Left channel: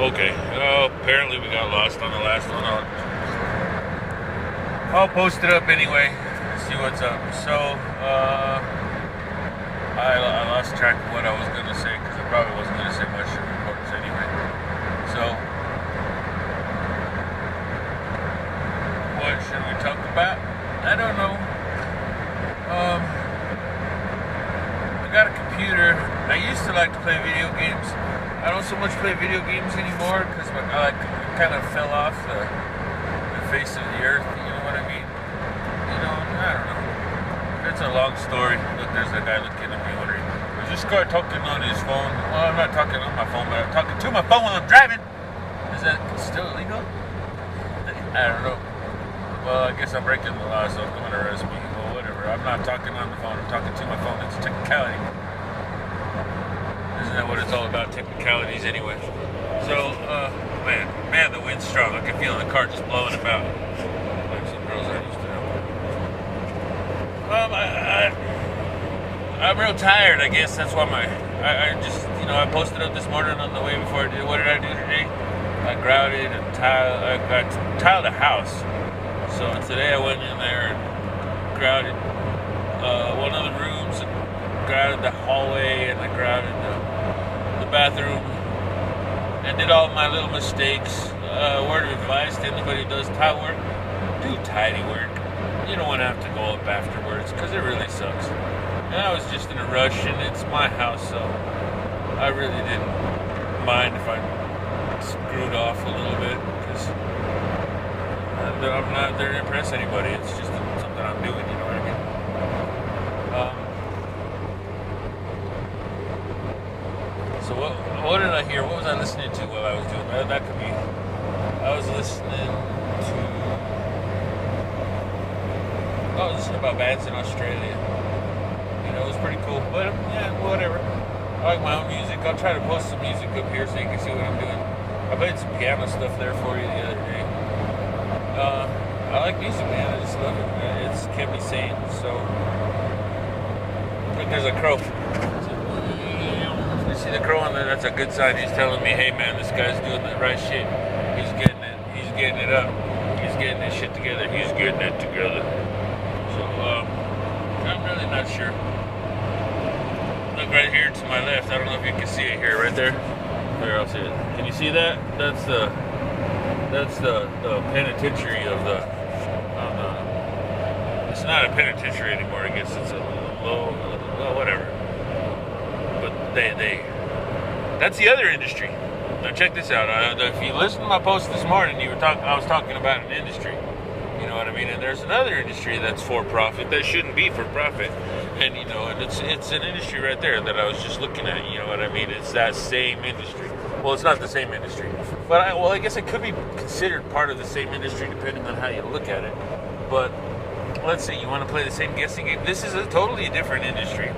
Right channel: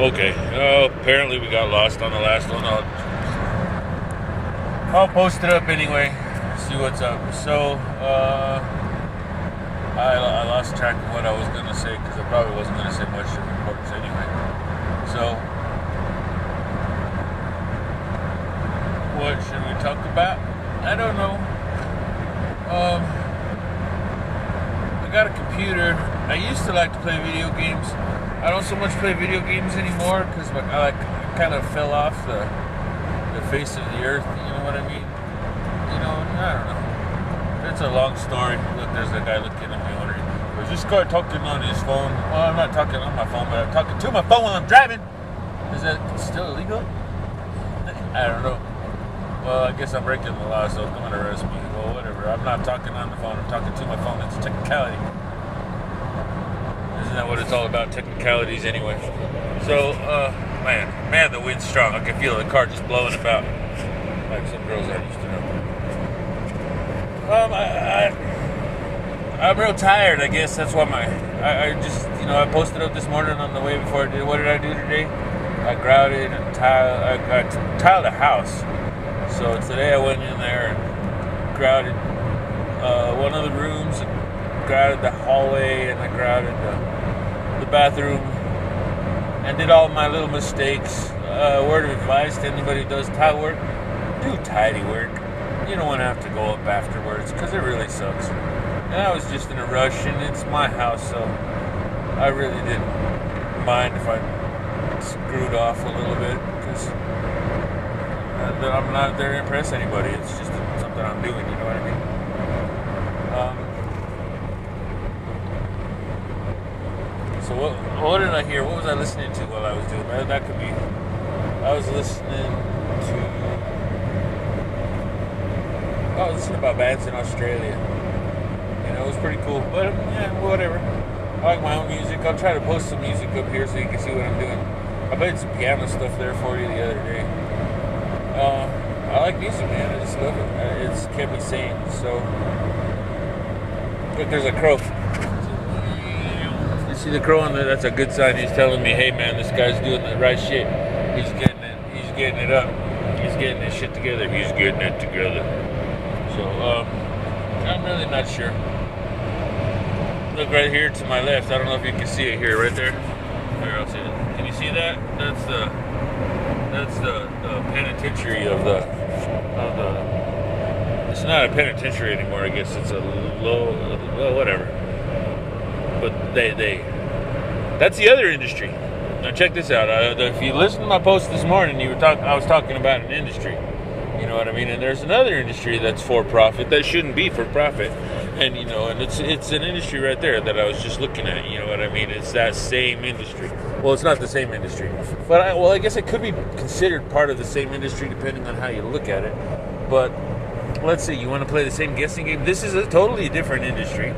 Okay. Apparently we got lost on the last one. I'll post it up anyway. See what's up. So, I lost track of what I was going to say because I probably wasn't going to say much of importance anyway. So, what should we talk about? I don't know. I got a computer. I used to like to play video games. I don't so much play video games anymore because I kind of fell off the face of the earth. You know what I mean? I don't know. It's a long story. Look, there's a guy looking at me wondering, was this guy talking on his phone? Well, I'm not talking on my phone, but I'm talking to my phone while I'm driving. Is that still illegal? I don't know. Well, I guess I'm breaking the law, so I'm going to arrest me. Well, whatever. I'm not talking on the phone. I'm talking to my phone. It's a technicality. Isn't that what it's all about? Technicalities, anyway. So, man, the wind's strong. I can feel the car just blowing about, like some girls I used to know. I'm real tired. I guess that's why I just I posted up this morning on the way before I did. What did I do today? I grouted and tiled a house. So today I went in there and grouted one of the rooms, and grouted the hallway, and I grouted the bathroom, and did all my little mistakes. Word of advice to anybody who does tile work: do tidy work. You don't want to have to go up afterwards because it really sucks. And I was just in a rush, and it's my house, so I really didn't mind if I screwed off a little bit because I'm not there to impress anybody. It's just something I'm doing, you know what I mean? So what did I hear? What was I listening to while I was doing that? That could be... I was listening about bands in Australia. It was pretty cool. But, yeah, whatever. I like my own music. I'll try to post some music up here so you can see what I'm doing. I played some piano stuff there for you the other day. I like music, man. I just love it. It's kept me sane. So, look, there's a crow. You see the crow on there? That's a good sign. He's telling me, hey, man, this guy's doing the right shit. He's getting it. He's getting it up. He's getting his shit together. He's getting it together. So, I'm really not sure. Look right here to my left. I don't know if you can see it here, right there. Here, I'll see it. Can you see that? That's the penitentiary of the. It's not a penitentiary anymore. I guess it's a well, whatever. But that's the other industry. Now check this out. If you listen to my post this morning, I was talking about an industry. You know what I mean? And there's another industry that's for profit that shouldn't be for profit. And and it's an industry right there that I was just looking at. You know what I mean? It's that same industry. Well, it's not the same industry, but I guess it could be considered part of the same industry depending on how you look at it. But let's say you want to play the same guessing game. This is a totally different industry.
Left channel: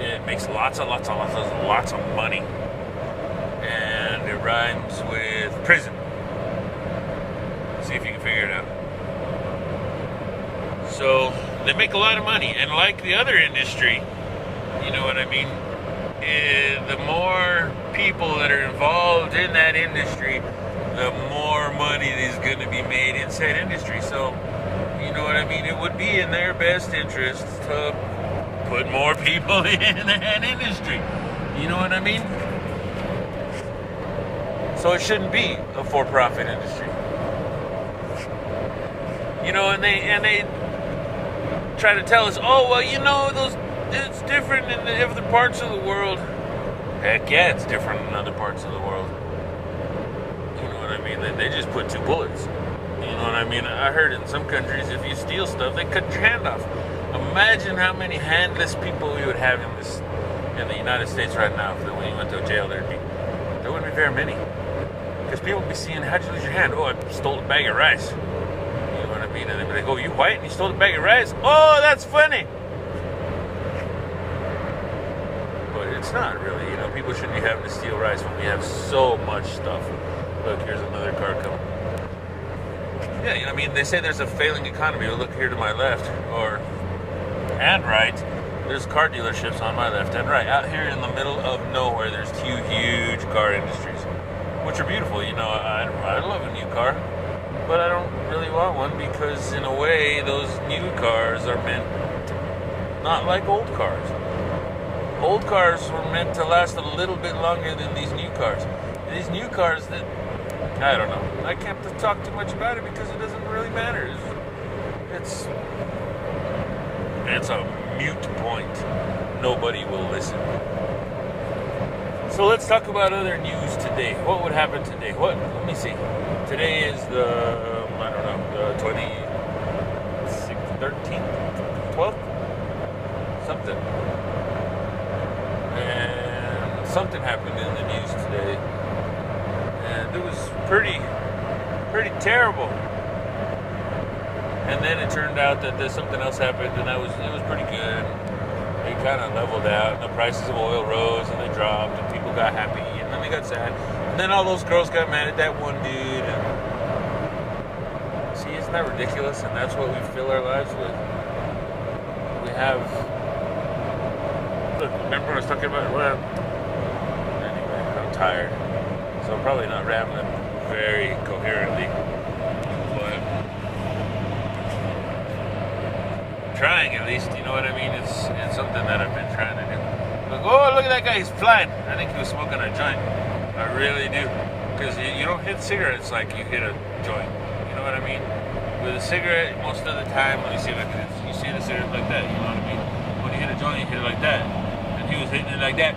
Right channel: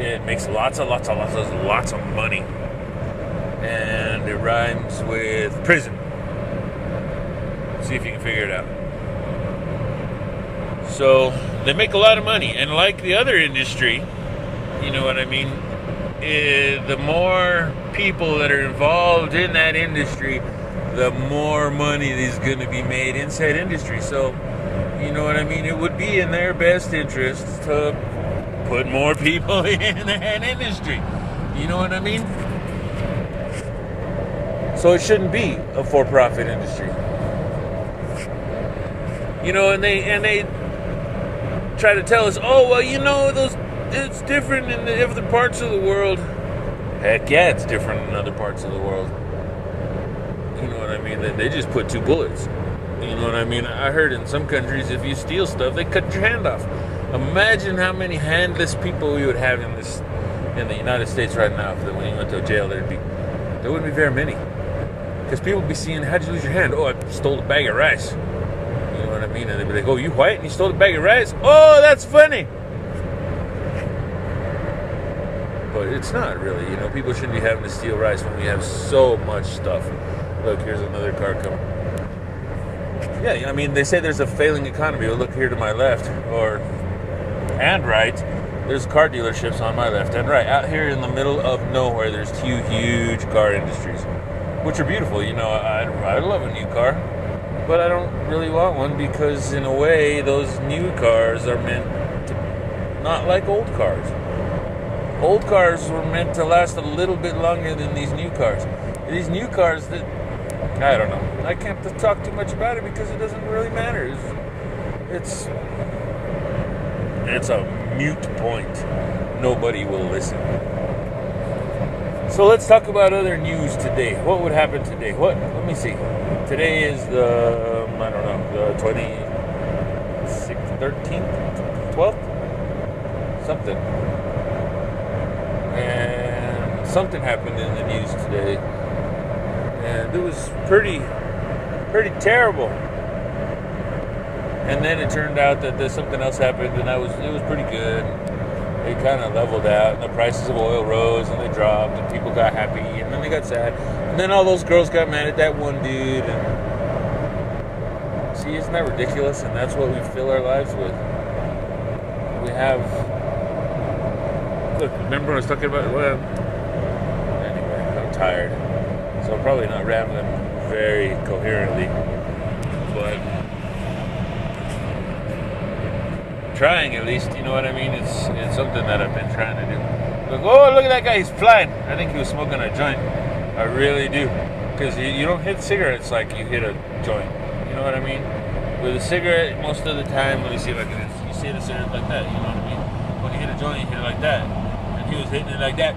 It makes lots of money, and it rhymes with prison. See if you can figure it out. So they make a lot of money, and like the other industry, you know what I mean? The more people that are involved in that industry, the more money is going to be made in said industry. So, you know what I mean? It would be in their best interest to put more people in that industry. You know what I mean? So it shouldn't be a for-profit industry. And they try to tell us, oh, well, it's different in the other parts of the world. Heck yeah, it's different in other parts of the world. You know what I mean? They just put 2 bullets. You know what I mean? I heard in some countries, if you steal stuff, they cut your hand off. Imagine how many handless people we would have in the United States right now. If when you went to jail, there wouldn't be very many. Because people would be seeing, how'd you lose your hand? Oh, I stole a bag of rice. You know what I mean? And they'd be like, oh, you white and you stole a bag of rice? Oh, that's funny. But it's not really. People shouldn't be having to steal rice when we have so much stuff. Look, here's another car coming. Yeah, they say there's a failing economy. Well, look here to my left, and right. there's car dealerships on my left and right. Out here in the middle of nowhere, there's two huge car industries, which are beautiful. You know, I love a new car, but I don't really want one because, in a way, those new cars are meant to, not like old cars. Old cars were meant to last a little bit longer than these new cars. These new cars, that I don't know. I can't talk too much about it because it doesn't really matter. It's a mute point. Nobody will listen. So let's talk about other news today. What would happen today? Let me see. Today is the 26th, 13th, 12th? Something. And something happened in the news today. And it was pretty terrible. And then it turned out that there's something else happened, and it was pretty good. It kind of leveled out, and the prices of oil rose, and they dropped, and people got happy, and then they got sad. And then all those girls got mad at that one dude. And see, isn't that ridiculous? And that's what we fill our lives with. We have. Look, remember when I was talking about? Well, anyway, I'm tired, so I'm probably not rambling very coherently, but. Trying, at least, you know what I mean? It's something that I've been trying to do. Look, oh, look at that guy, he's flying. I think he was smoking a joint. I really do. Because you don't hit cigarettes like you hit a joint. You know what I mean? With a cigarette, most of the time, let me see if I can, you see the cigarette like that, you know what I mean? When you hit a joint, you hit it like that. And he was hitting it like that.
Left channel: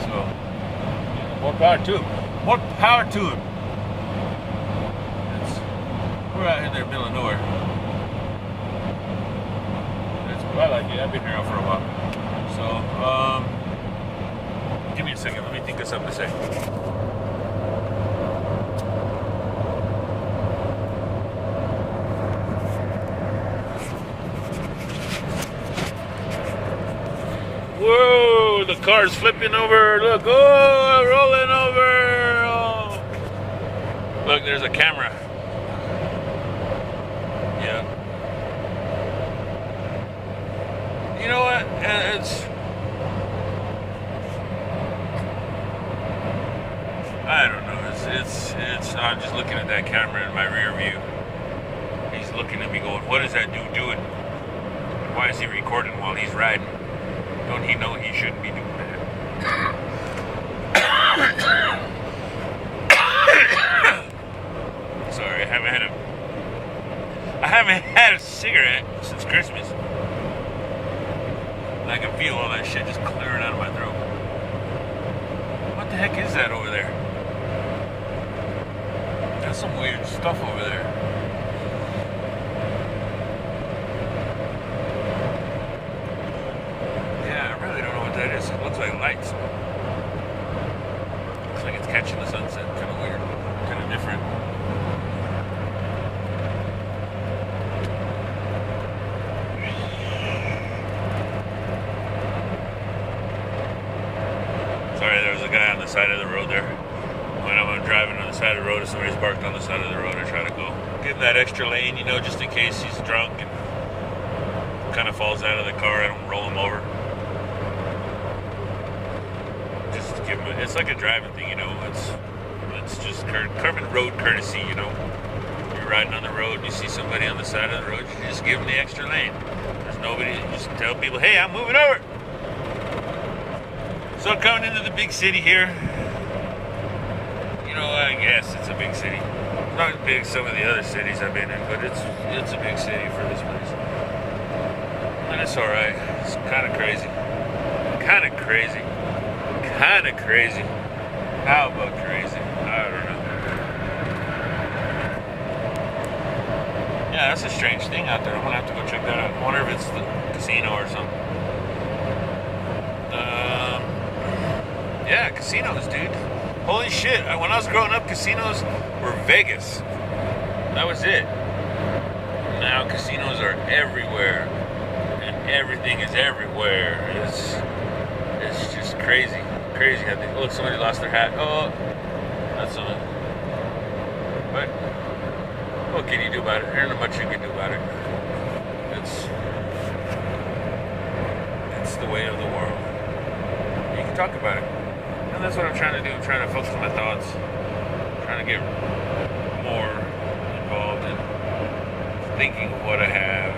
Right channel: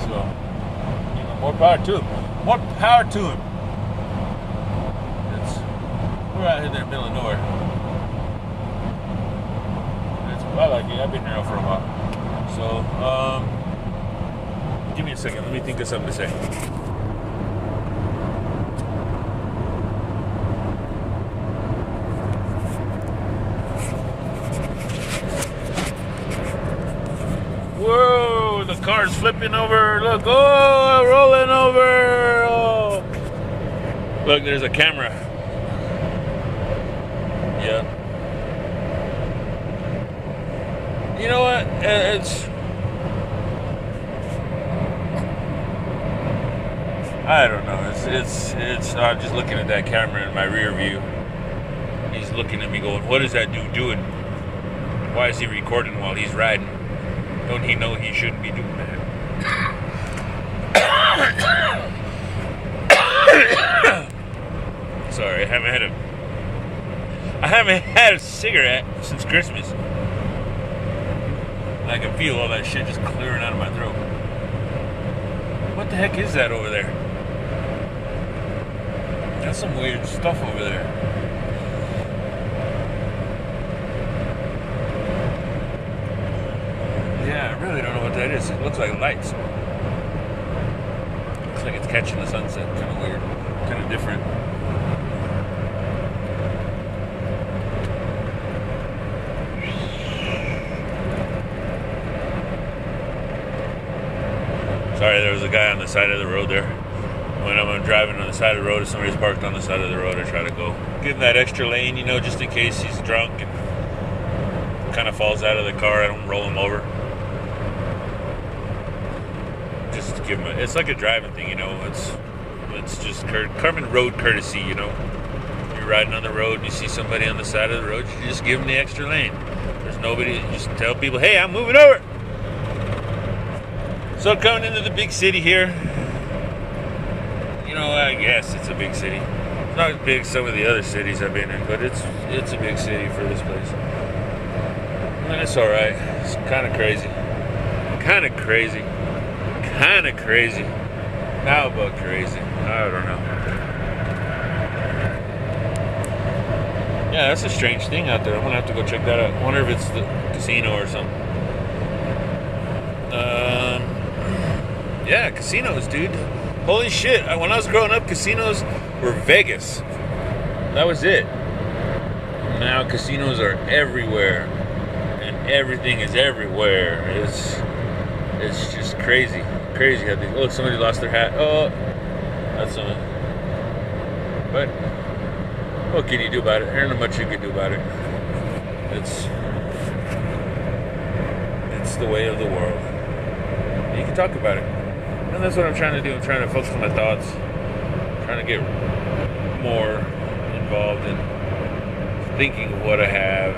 So, more power to him. More power to him. We're out here in the middle of nowhere. I like it. I've been here for a while. So, give me a second. Let me think of something to say. Whoa, the car's flipping over. Look, oh, rolling over. Oh. Look, there's a camera. Yeah. You know what? I don't know. I'm just looking at that camera in my rear view. He's looking at me going, what is that dude doing? Why is he recording while he's riding? Don't he know he shouldn't be doing that? Sorry, I haven't had a cigarette since Christmas. I can feel all that shit just clearing out of my throat. What the heck is that over there? That's some weird stuff over there. Yeah, I really don't know what that is. It looks like lights. Looks like it's catching the sunset. Kind of weird. Kind of different. Sorry, there was a guy on the side of the road there. When I'm driving on the side of the road, if somebody's parked on the side of the road, I try to go give him that extra lane, you know, just in case he's drunk and kind of falls out of the car. I don't roll him over. Just to give him it's like a driving thing, you know. It's just common road courtesy, you know. You're riding on the road and you see somebody on the side of the road, you just give them the extra lane. There's nobody, you just tell people, hey, I'm moving over. So coming into the big city here, you know, I guess it's a big city. It's not as big as some of the other cities I've been in, but it's a big city for this place. And it's alright. It's kind of crazy. Kind of crazy. How about crazy? I don't know. Yeah, that's a strange thing out there. I'm going to have to go check that out. I wonder if it's the casino or something. Yeah, casinos, dude. Holy shit. When I was growing up, casinos were Vegas. That was it. Now casinos are everywhere. And everything is everywhere. It's just crazy. Crazy how they... Look, somebody lost their hat. Oh, that's something. But what can you do about it? There ain't much you can do about it. the way of the world. You can talk about it. And that's what I'm trying to do. I'm trying to focus on my thoughts. I'm trying to get more involved in thinking of what I have.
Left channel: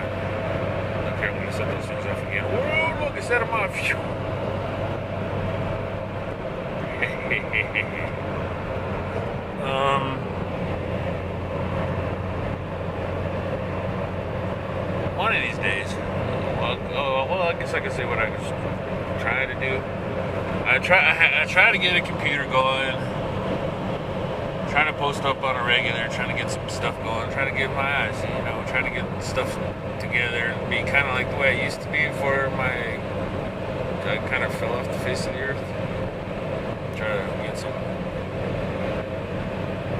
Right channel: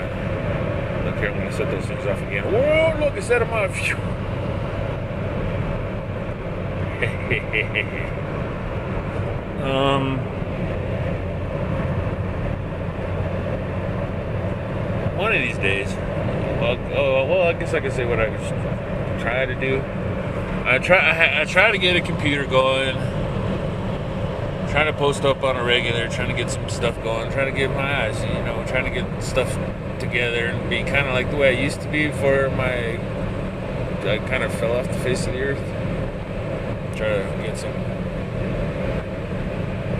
Okay, I'm going to set those things off again. Whoa, look, I set them off. One of these days, well, I guess I could say what I was trying to do. I try to get a computer going, trying to post up on a regular, trying to get some stuff going, trying to get my eyes, trying to get stuff together and be kind of like the way I used to be before I kind of fell off the face of the earth. Try to get some,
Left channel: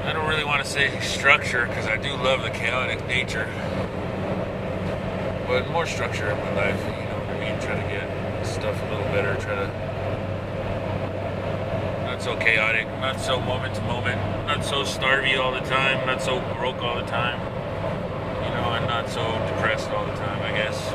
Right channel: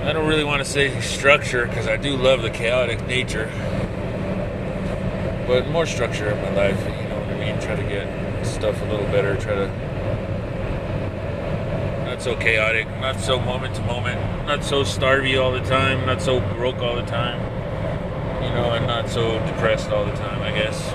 I don't really want to say structure because I do love the chaotic nature, but more structure in my life, you know what I mean? Try to get stuff a little better, try to not so chaotic, not so moment to moment, not so starvy all the time, not so broke all the time, and not so depressed all the time, I guess.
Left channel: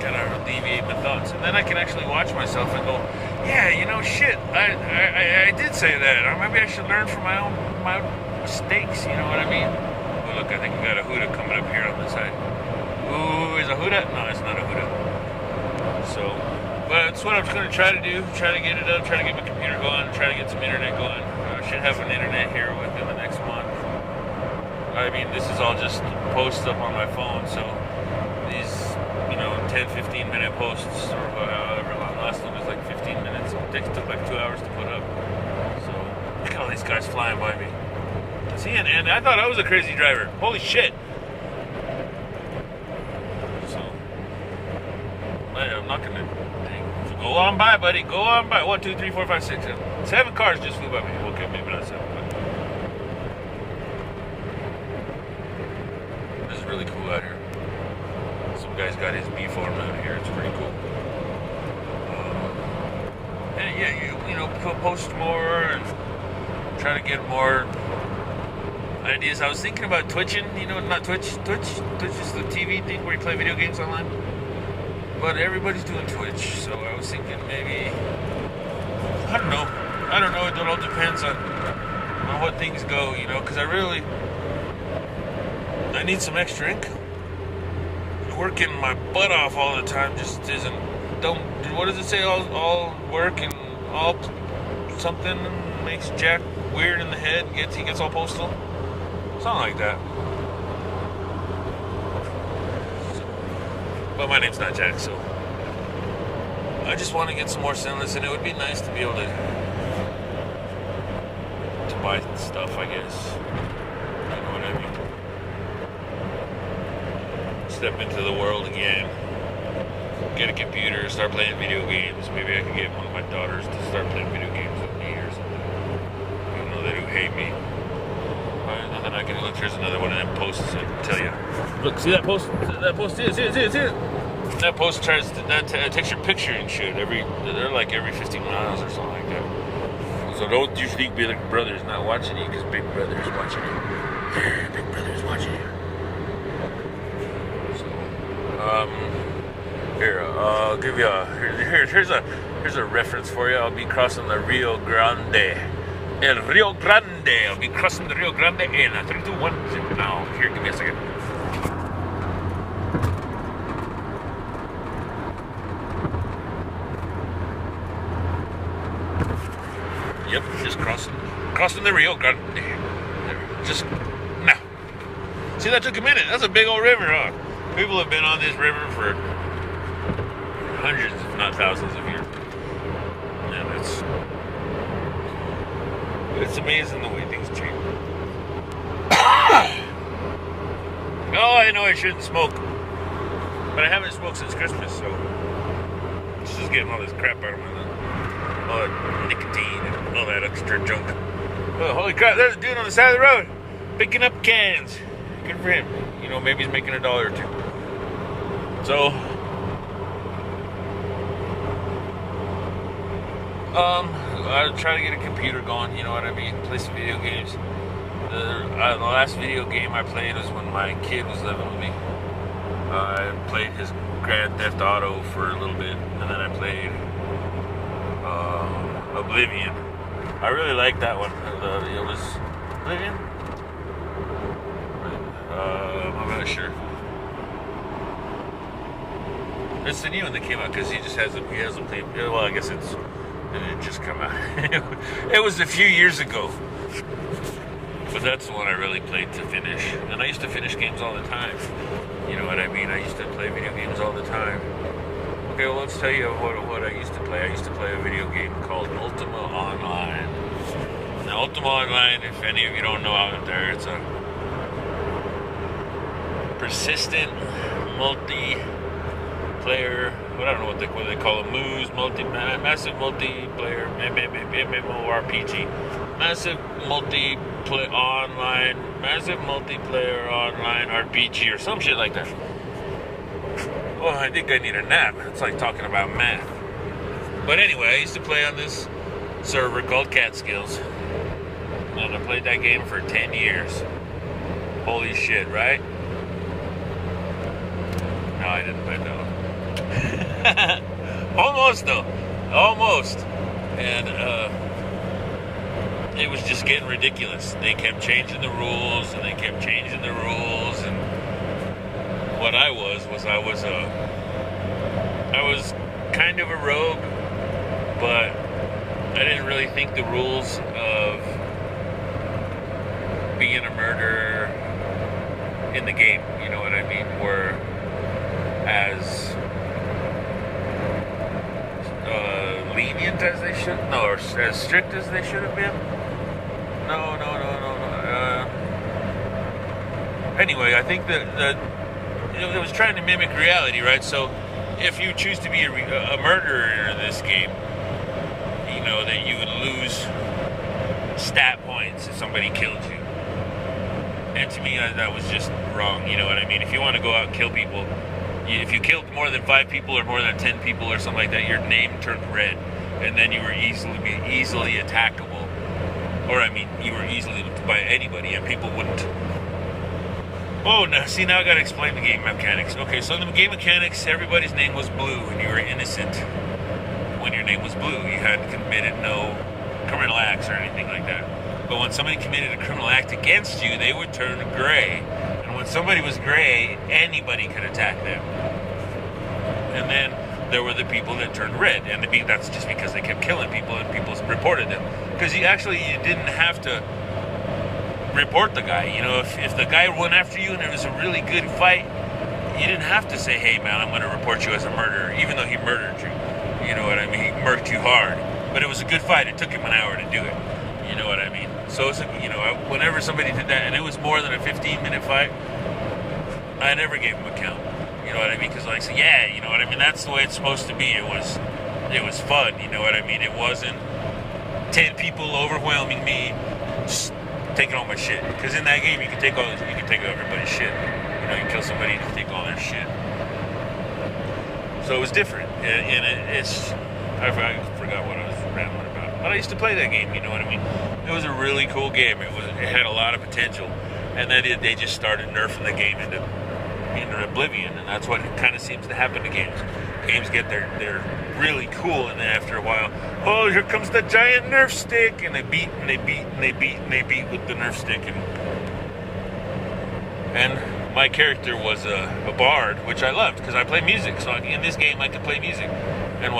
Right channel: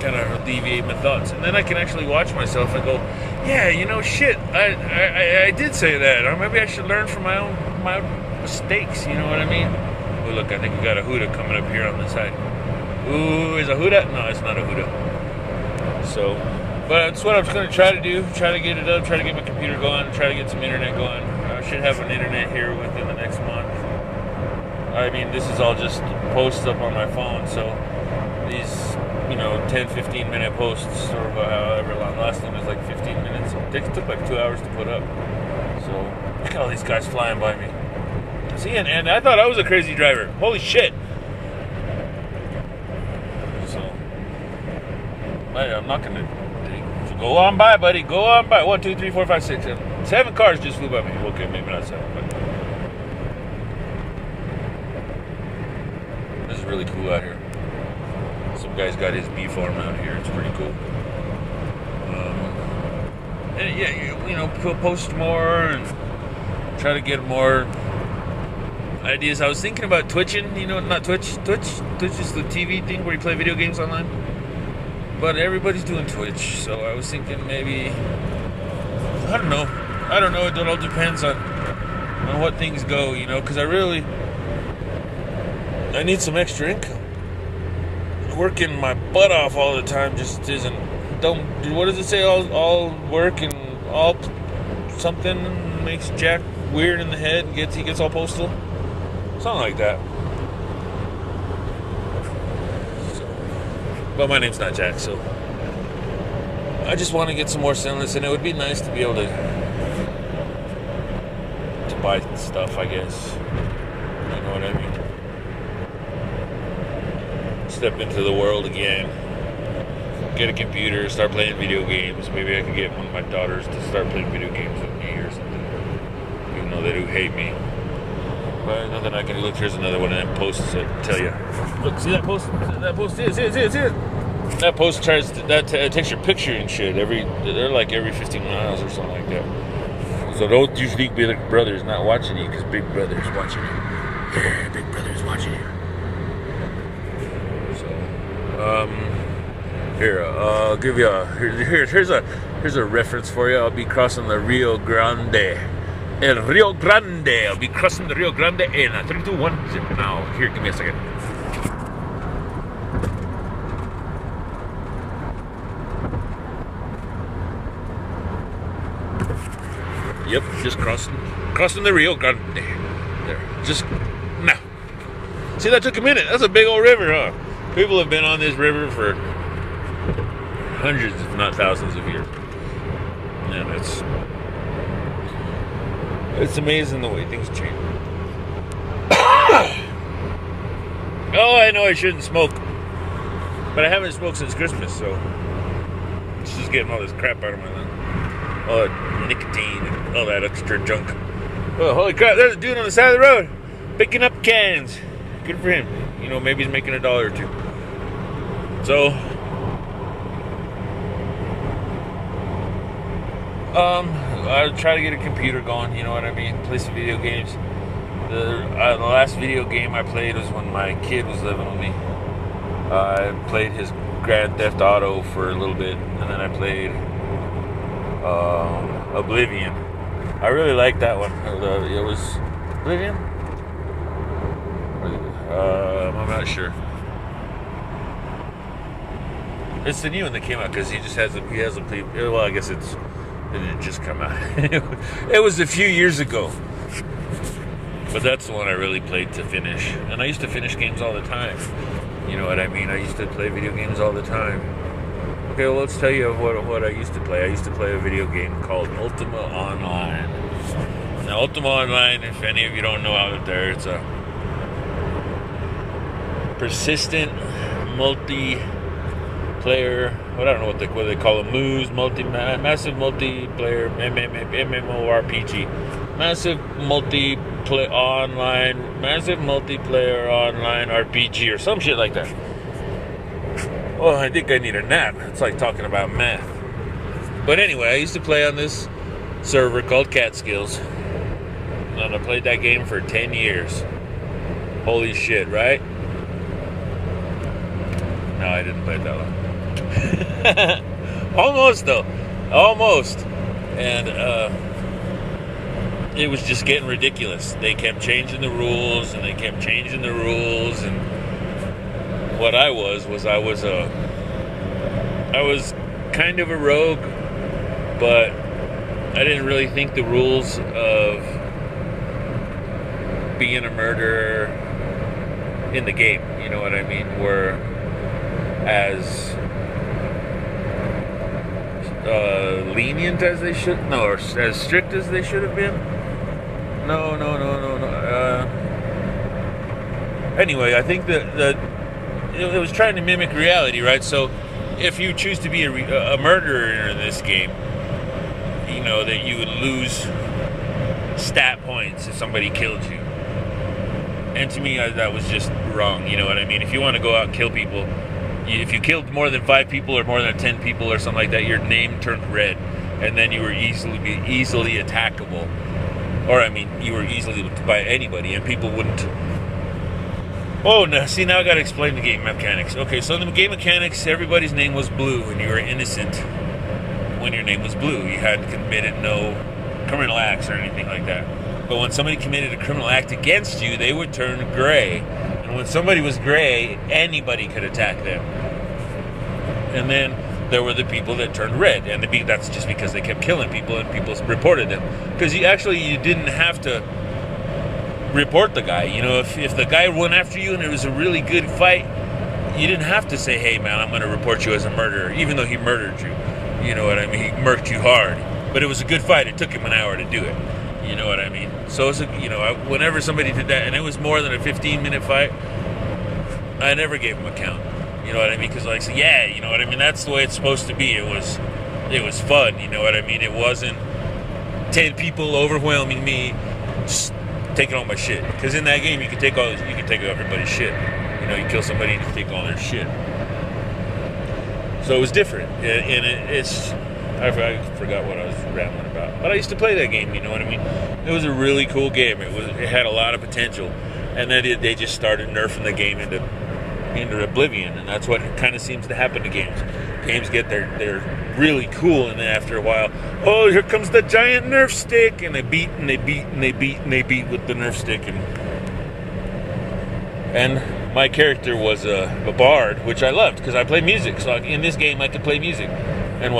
Kind of alleviate my thoughts. And then I can actually watch myself and go, yeah, shit, I did say that. Or maybe I should learn from my mistakes, you know what I mean? Oh, look, I think we got a Huda coming up here on the side. Ooh, is a Huda? No, it's not a Huda. So, but that's what I'm going to try to do. Try to get it up, try to get my computer going, try to get some internet going. I should have an internet here within the next month. I mean, this is all just posts up on my phone, so these, 10, 15 minute posts or however long. The last one was like 15 minutes. It took like 2 hours to put up. So, look at all these guys flying by me. See, and I thought I was a crazy driver. Holy shit. So, I'm not going to go on by, buddy. Go on by. 1, 2, 3, 4, 5, 6, 7. 7 cars just flew by me. Okay, maybe not 7, but this is really cool out here. Some guy's got his bee farm out here. It's pretty cool. And yeah, post more and try to get more ideas. I was thinking about Twitching. Not Twitch. Twitch is the TV thing where you play video games online. But everybody's doing Twitch, so I was thinking maybe, I don't know. It all depends on what things go, because I need some extra income. Working my butt off all the time just isn't. What does it say? All work and all something makes Jack weird in the head. He gets all postal. Something like that. But my name's not Jack, so I just want to get some more Sinless, and it would be nice to be able to buy stuff, I guess. You know what I mean? Step into the world again. Get a computer, start playing video games. Maybe I could get one of my daughters to start playing video games with me or something. Even though they do hate me. Right, and then I can look. Here's another one of them posts that tell you. Look, see that post? That post is it. That post takes your picture and shit. They're like every 15 miles or something like that. So don't you think Big Brother's not watching you because Big Brother's watching you. Yeah, Big Brother's watching you. So, here, I'll give you here's a reference for you. I'll be crossing the Rio Grande. El Rio Grande. I'll be crossing the Rio Grande in 3, 2, 1. Now, here, give me a second. Yep, just crossing the Rio Grande. There, just now. See, that took a minute. That's a big old river, huh? People have been on this river for hundreds, if not thousands of years. And it's amazing the way things change. Oh, I know I shouldn't smoke. But I haven't smoked since Christmas, so it's just getting all this crap out of my lungs. All that nicotine and all that extra junk. Oh, holy crap, there's a dude on the side of the road picking up cans. Good for him. Maybe he's making $1 or $2. So, I try to get a computer going, you know what I mean? Play some video games. The last video game I played was when my kid was living with me. I played his Grand Theft Auto for a little bit, and then I played Oblivion. I really liked that one. It was Oblivion? I'm not sure. It's the new one that came out because he hasn't played. Well, I guess it didn't just come out. It was a few years ago. But that's the one I really played to finish. And I used to finish games all the time. You know what I mean? I used to play video games all the time. Okay, well, let's tell you what I used to play. I used to play a video game called Ultima Online. Now, Ultima Online, if any of you don't know out there, it's a persistent multiplayer, I don't know what they call them, massive multiplayer MMORPG. Massive multiplayer online RPG or some shit like that. Well, I think I need a nap. It's like talking about math. But anyway, I used to play on this server called Catskills. And I played that game for 10 years. Holy shit, right? No, I didn't play it that long. Almost, though. Almost. And, it was just getting ridiculous. They kept changing the rules, and and what I was kind of a rogue, but I didn't really think the rules of being a murderer in the game, you know what I mean, were as lenient as they should, or as strict as they should have been. No. Anyway, I think that it was trying to mimic reality, right? So, if you choose to be a murderer in this game, you know that you would lose stat points if somebody killed you. And to me, that was just wrong. You know what I mean? If you want to go out and kill people, if you killed more than 5 people or more than 10 people or something like that, your name turned red, and then you were easily attackable. Or, I mean, you were easily by anybody, and people wouldn't. Oh, no, see, now I gotta explain the game mechanics. Okay, so in the game mechanics, everybody's name was Blue, and you were innocent when your name was Blue. You hadn't committed no criminal acts or anything like that. But when somebody committed a criminal act against you, they would turn gray. And when somebody was gray, anybody could attack them. And then there were the people that turned red, and that's just because they kept killing people, and people reported them. Because you didn't have to report the guy. You know, if the guy went after you and it was a really good fight, you didn't have to say, hey man, I'm going to report you as a murderer, even though he murdered you. You know what I mean? He murked you hard. But it was a good fight. It took him an hour to do it. You know what I mean? So, whenever somebody did that, and it was more than a 15-minute fight, I never gave him a count. You know what I mean? Because, you know what I mean? That's the way it's supposed to be. It was fun. You know what I mean? It wasn't 10 people overwhelming me, just taking all my shit. Because in that game, you can take everybody's shit. You know, you kill somebody, you can take all their shit. So it was different, and I forgot what I was rambling about. But I used to play that game, you know what I mean? It was a really cool game. It had a lot of potential. And then they just started nerfing the game into oblivion, and that's what kind of seems to happen to games. Games they're really cool, and then after a while, oh, here comes the giant Nerf stick, and they beat with the Nerf stick, and my character was a bard, which I loved because I play music. So in this game, I could play music, and it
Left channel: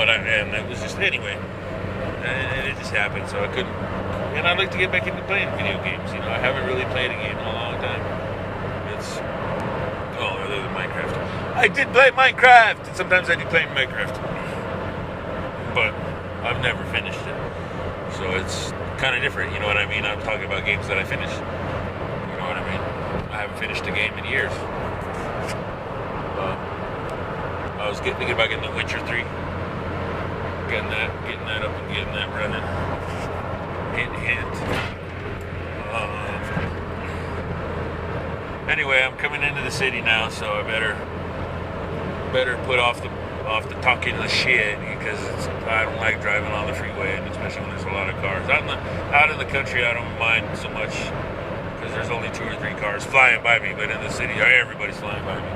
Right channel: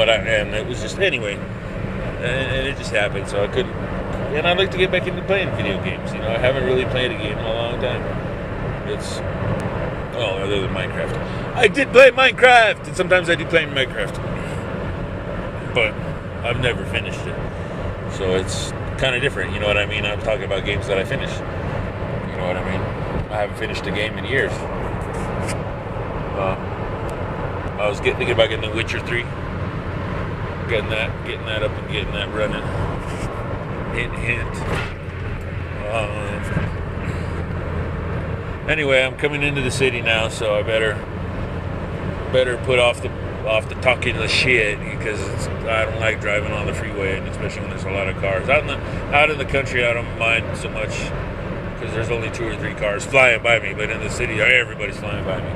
was just anyway, and it just happened. So I couldn't, and I'd like to get back into playing video games. You know, I haven't really played a game in a long time. Other than Minecraft. I did play Minecraft, and sometimes I do play Minecraft, but I've never finished it. So it's kind of different. You know what I mean? I'm talking about games that I finished. You know what I mean? I haven't finished a game in years. I was thinking about getting The Witcher 3. Getting that up and getting that running. Hint. Anyway, I'm coming into the city now, so I better put off the talking the shit, because I don't like driving on the freeway, and especially when there's a lot of cars. Out in the country, I don't mind so much because there's only 2 or 3 cars flying by me, but in the city, everybody's flying by me.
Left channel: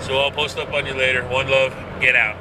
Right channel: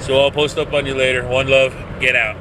So I'll post up on you later. One love. Get out.